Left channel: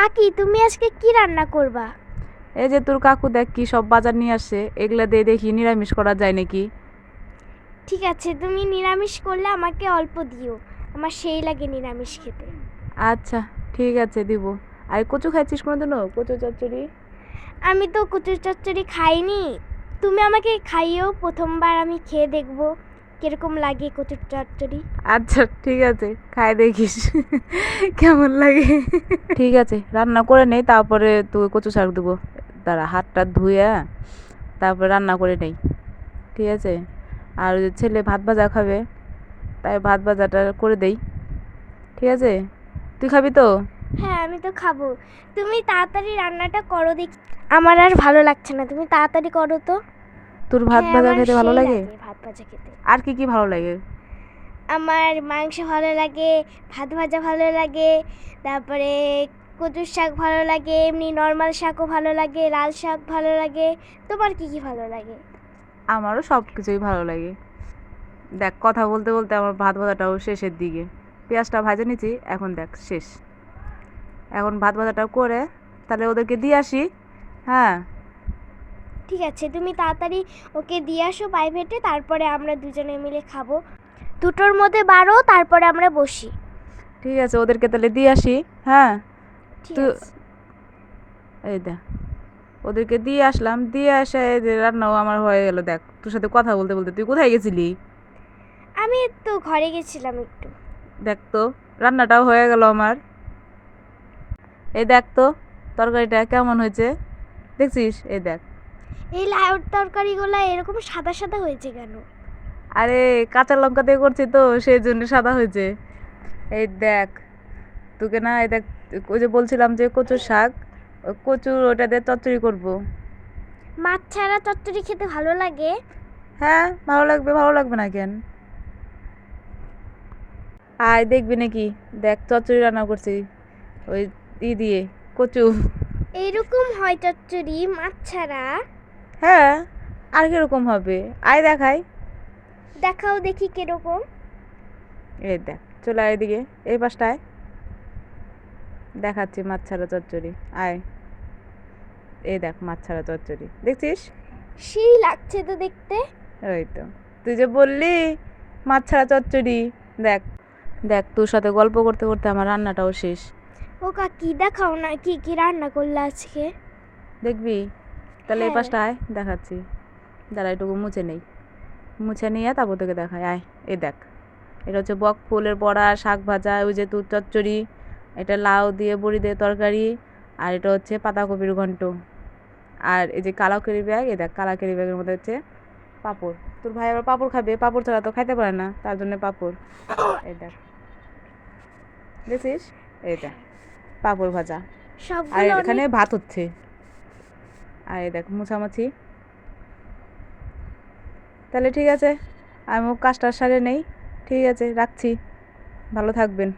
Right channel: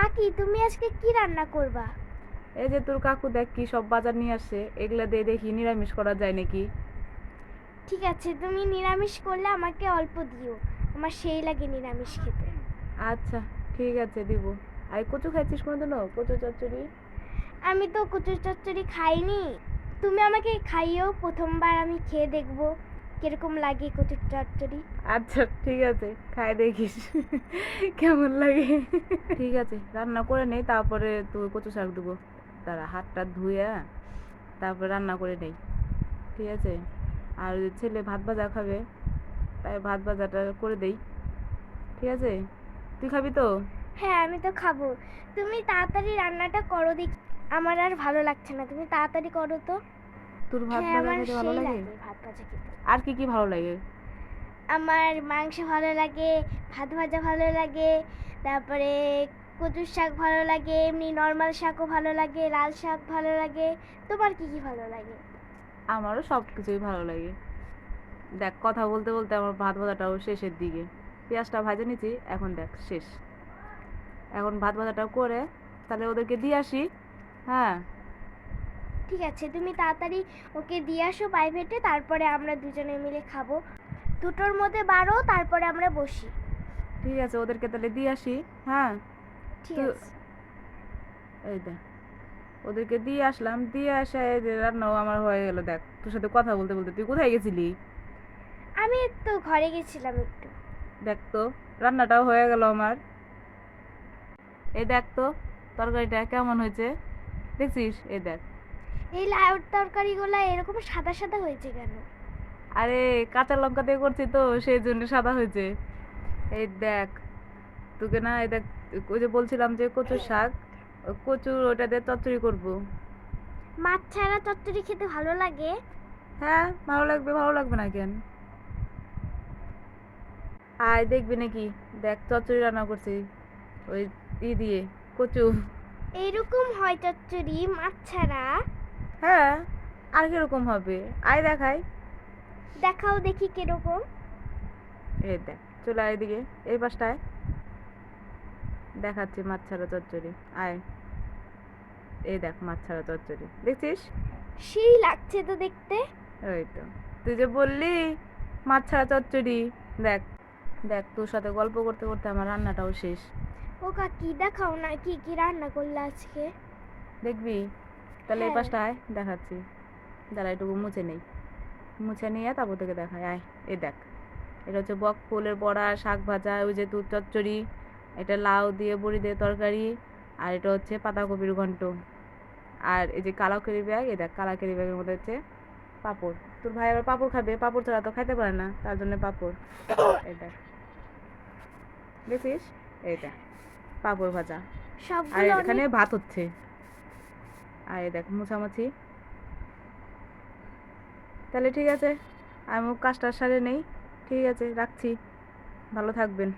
কাকি, তুমি আজকে কি রান্না করবা? এই যে তোর কাকু দেখ কি সব বাজার নিয়ে আসছে, এগুলা দিয়ে দেখি নিরামিষ করা যায় নাকি। ঠিক আছে, তুমি নিরামিষ করলে আমাকে অল্প দিও, আমার সেই লাগে নিরামিষ খেতে। আচ্ছা, ঠিক আছে দিব। আর কচু খাইছিস কোনোদিনও? কচু চচ্চড়ি? আমি তো কচুর চচ্চড়ি খাইনি, তুমি আমাকে খাইও, প্রথমবার আমি খেয়ে দেখবো কিরকম লাগে কচুর চচ্চড়ি। আচ্ছা ঠিক আছে, খাই দেখিস কেমন লাগে। ঠিক আছে, রান্না করে নেই, তারপরে তুই কচু শাক দেবো। দাঁড়া, হাতটা ধুয়ে তারপর রান্না করে নেই। ঠিক আছে। আর ওই যে ছেলে ভাত ভাজা খাবে, তাই ভাত ভাজাটা করে দেই। ঠিক আছে, তুই খাবি তো? হ্যাঁ, আমি তো খাবো। তুমি তাড়াতাড়ি রান্নাটা করো দেখি, আমার আর ভালো লাগছে না, তুমি তাড়াতাড়ি করো তো। তোর ভাত হ্যাঁ, ভাজা আমার খেতে ভালো সেই লাগে? লাগে ভাত ভাজা খেতে। আর কি কি ভালো লাগে? আমার মাংস ভালো লাগে, ভাত ভাজা ভালো লাগে, তারপরে কচুর শাক ভালো লাগে, এমনি নর্মাল শাকও ভালো লাগে, লাল শাক ভালো লাগে। তোমার কি কি ভালো লাগে? আমারও সব কিছুই ভালো লাগে। দেখ, কথা বলতে বলতে আমার ভাত ভাজাটাও শেষের দিকে। পেঁয়াজটা ভাজে নিচ্ছি, এখন দেখ শেষ। এখন ভাত ভাজাটা করে তাহলে ওদেরকে দিয়ে আসি। হ্যাঁ। ঠিক আছে, তুমি তাড়াতাড়ি ওকে দিয়ে আসো প্রাইভেটে, তারপরে আমরা দুজনে মিলে খাবো। দুটোর মধ্যে বারো, তারপরে আমরা বসি। ঠিক আছে, ওদেরকে তাহলে দিয়ে আসি। হ্যাঁ। ঠিক তুই আছে। এই দেখ, ওদেরকে দিয়ে আসলাম, দিয়ে এসে এই যে রান্নাও আমার হয়ে গেল। দেখ, তোর সাথে কথা বলতে বলতে তুই কোথায় গেছিলি? আমি তো ঘরে গেছিলাম একটু। দেখ তো, রান্নাটাও হয়ে গেল আমার। এই দেখ তো, তরকারিটা কেমন হয়েছে দেখছিস? এই দেখ। এই লাউ তরকারিগুলো এরকম সাদা সাদা হয়েছে কেন? আরে, কাঁচা লঙ্কা দিয়ে করছি তো সেই জন্য সাদা হয়েছে। এই দেখ, তোকে না, এই দেখ, ওই যে বলছিলাম যে কচুর শাক, কচুর ওটা দিয়ে চচ্চড়ি করব। মাছ ছাড়া চচ্চড়ি খেতে ভালো লাগে? হ্যাঁ, ভালো লাগবে, ভালো লাগবে না কেন? আয় দেখবি নাকি? দেখ, চচ্চড়ি রান্না করছি ওই দিয়ে, কচু। এইরকম হয় চচ্চড়ি মাছ ছাড়া? হ্যাঁ, আর কিরকম হবে? আয় দেখাই। দেখাও দেখি কিরকম। এই দেখ, চলে আয় এদিকে, এই পাশটায় দেখাচ্ছি মাছ ছাড়া চচ্চড়ি। আয়, এই দেখ মাছ ছাড়া চচ্চড়ি দেখছিস? সেই লাগছে তো দেখতে। ওই তো, তুই যে বললি মাছ ছাড়া চচ্চড়ি। দেখ, দেখ তোর সাথে গল্প করতে করতে আমার রান্নাটাও শেষ। ও কাকি, দেখাও না কি কি রান্না করলে আজকে। দেখবি? তাহলে এই হ্যাঁ। পাশটা আয়, দেখাচ্ছি। দাঁড়া, এটুকু মুছে নেই, মুছে নিয়ে তারপর তোকে দেখায়। আয়, এই দেখ, এটা হচ্ছে বক ফুলের বড়া, শাক ভাজা, ওই যে তুর চচ্চড়ি, এটা লাউ দিয়ে বড়ি দিয়ে তরকারি, আর এটা হচ্ছে পাতাকপির ঘন্ট। আর এই যে কালাকেরি ব্যাগ, এই দেখ কালাকেরি ব্যাগের মধ্যে হচ্ছে পাঁপড়। তোর ভাই আবার পাঁপড় খাবে, পাঁপড় ছাড়া তো খাইতে পারে না, তার জন্য পাঁপড়। এই দেখ, দেখছিস? এই দেখ, পাঁপড় ভাজা। আর সবগুলো এখানে অনেক। ভাত হচ্ছে। আর এই দেখ মোছামাছি। তাহলে ঠিক আছে, আমিও কাজটা সারে নেই। ঠিক আছে, রাখছি। ভালো থাকবেন।